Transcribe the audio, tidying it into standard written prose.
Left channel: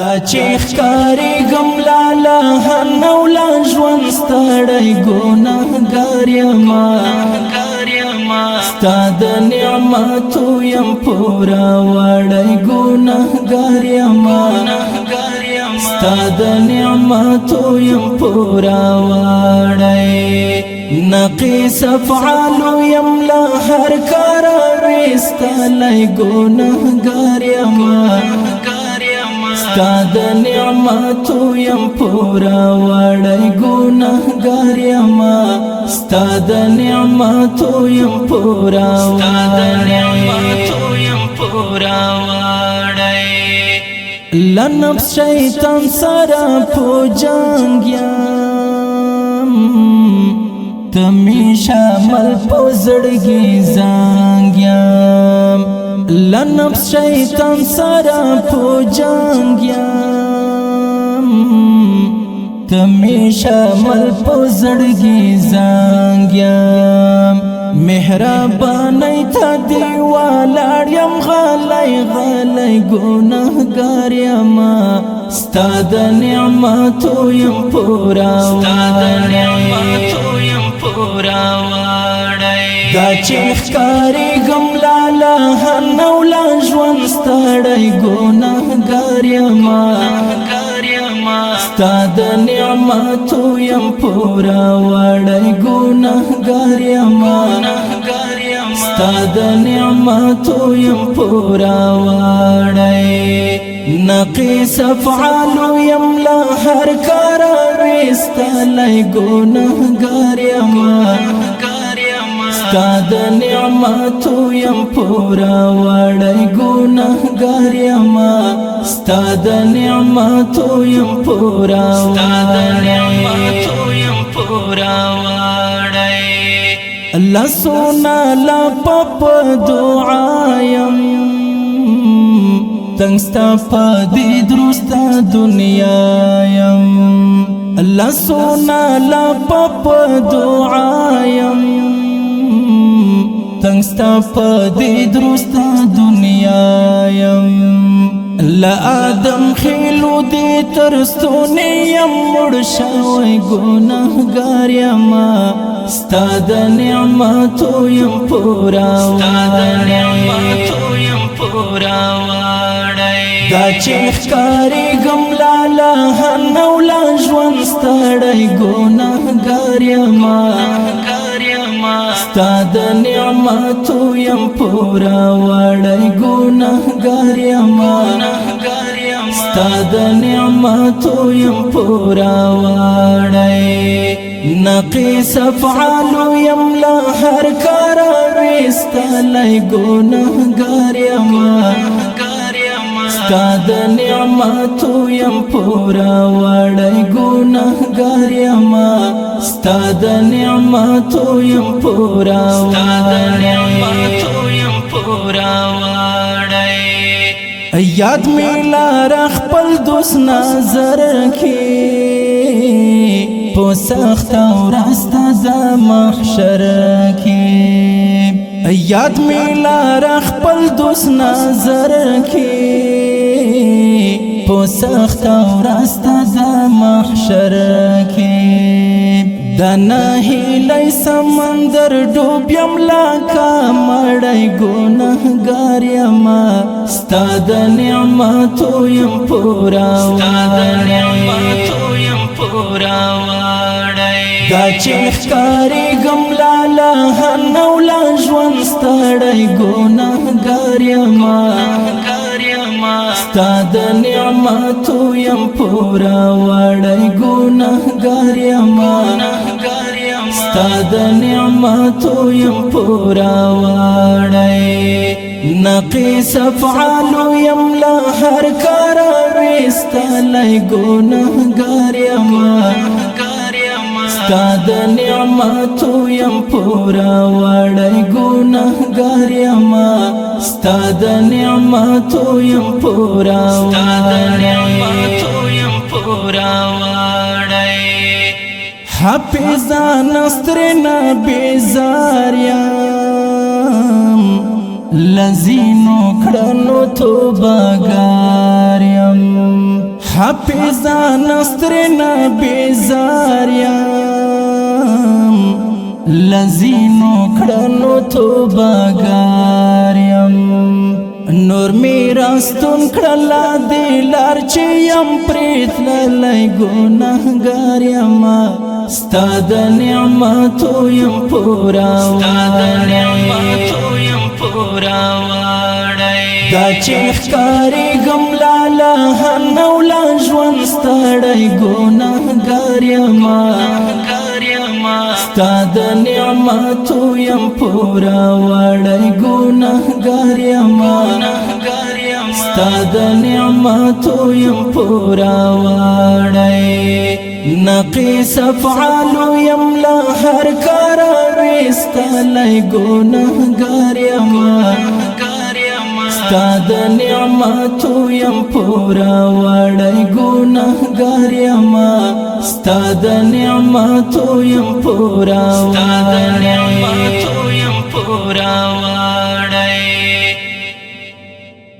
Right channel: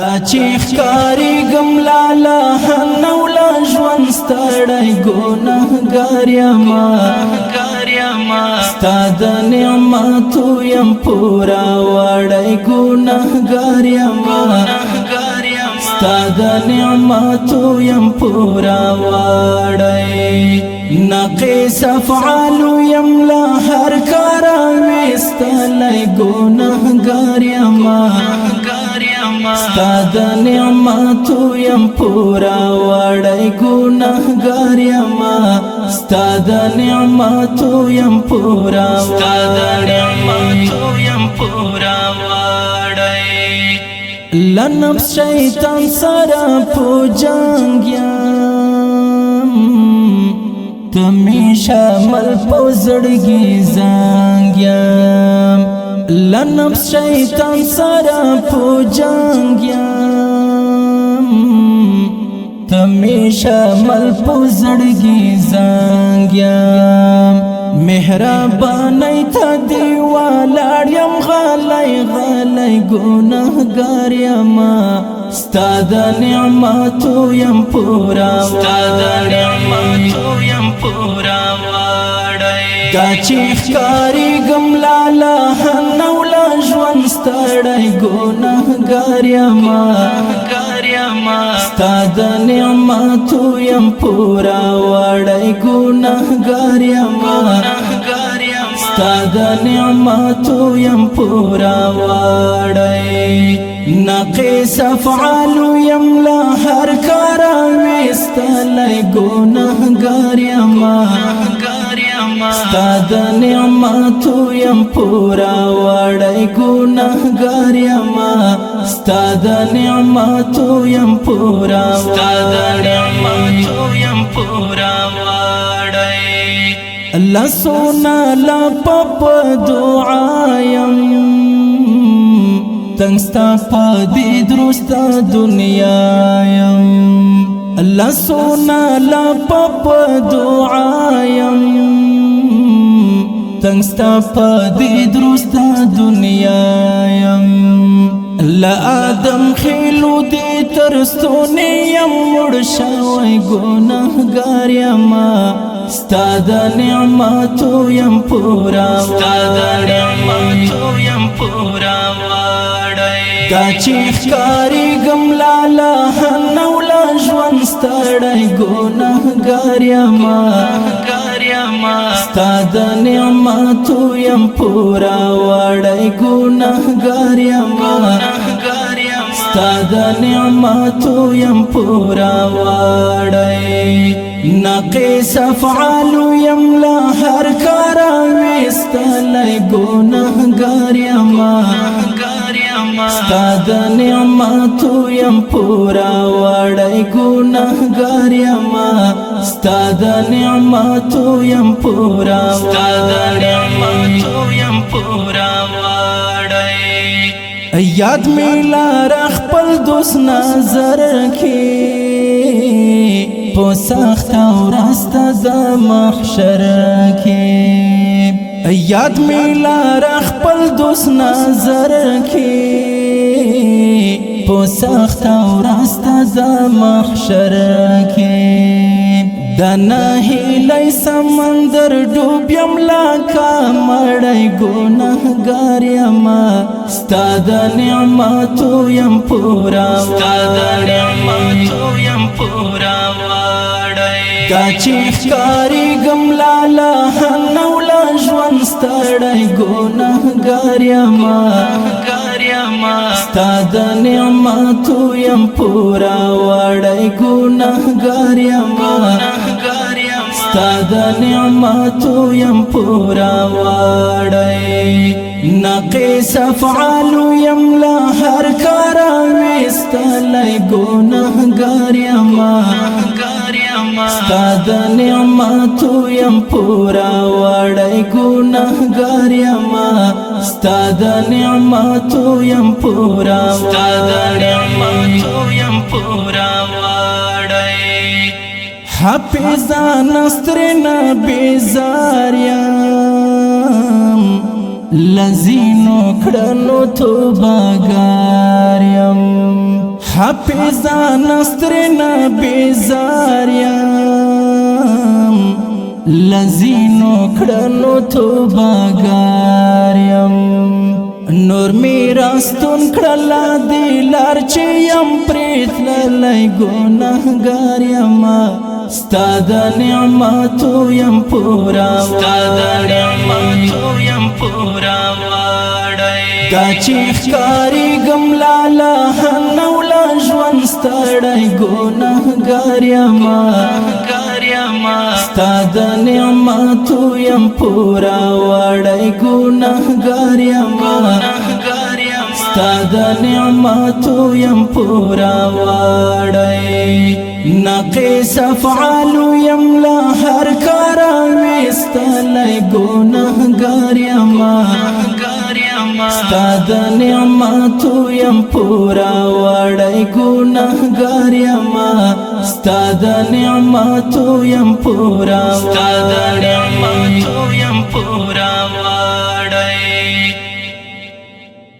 تا چې ښکاري ګم لالا هنو لا ژوند ستړی ګناهګار یما ستا د نعمتو یم پورا وړی ګناهګار یما ستا د نعمتو یم پورا وړی نقیس افعالو یم لا هر کار ویستلی ګناهګار یما ستا د نعمتو یم پورا وړی ګناهګار یما ستا د نعمتو یم پورا وړی لنفس شیطان سره په جنګ یم تمیشه مل په زړګي زنګ یم لنفس شیطان سره په جنګ یم تمیشه مل په زړګي زنګ یم مهرباني ته دی ولاړ یم غلی ګناهګار یما ستا د نعمتو یم پورا وړی دا چې ښکاري ګم لالا هنو لا ژوند ستړی ګناهګار یما ستا د نعمتو یم پورا وړی ګناهګار یما ستا د نعمتو یم پورا وړی نقیس افعالو یم لا هر کار ویستلی ګناهګار یما ستا د نعمتو یم پورا وړی ګناهګار یما ستا د نعمتو یم پورا وړی لسونا لا پپ دعایم تنگستا پا دی درستا دنیایم لسونا لا پپ دعایم تنگستا پا دی درستا دنیایم لآدم خیلو دی ترستونی یم مړ شوی ګناهګار یما ستا د نعمتو یم پورا وړی دا چې ښکاري ګم لالا هنو لا ژوند ستړی ګناهګار یما ستا د نعمتو یم پورا وړی ګناهګار یما ستا د نعمتو یم پورا وړی نقیس افعالو یم لا هر کار ویستلی ګناهګار یما ستا د نعمتو یم پورا وړی ګناهګار یما ستا د نعمتو یم پورا وړی یاد می لار خپل دوست نظر کې په سخت ورځ د محشر کې یاد می لار خپل دوست نظر کې په سخت ورځ د محشر کې د نهیلی سمندر ډوب یم لکه مړی ګناهګار یما ستا د نعمتو یم پورا وړی دا چې ښکاري ګم لالا هنو لا ژوند ستړی ګناهګار یما ستا د نعمتو یم پورا وړی ګناهګار یما ستا د نعمتو یم پورا وړی نقیس افعالو یم لا هر کار ویستلی ګناهګار یما ستا د نعمتو یم پورا وړی ګناهګار یما ستا د نعمتو یم پورا وړی حافظان سترنا بیزار یم لذینو کړنو توبګار یم حافظان استرنا بیزاریم لزینو کڑنو توباگاریم نور میراستون کڑلا دیلار چیم پریت للی گناہگاریم ستاد نعمتو یم پورا وڑی دا چیخ کاری گم لالا هنولا جوان ستڑی گناہگاریم ستاد نعمتو یم پورا وڑی گناہگاریم ستاد نعمتو یم پورا وڑی نقیس افعالو یم لا هر کارا ویستالی گناہگاریم ستاد نعمتو یم پورا وڑی گناہگاریم ستاد نعمتو یم پورا وڑی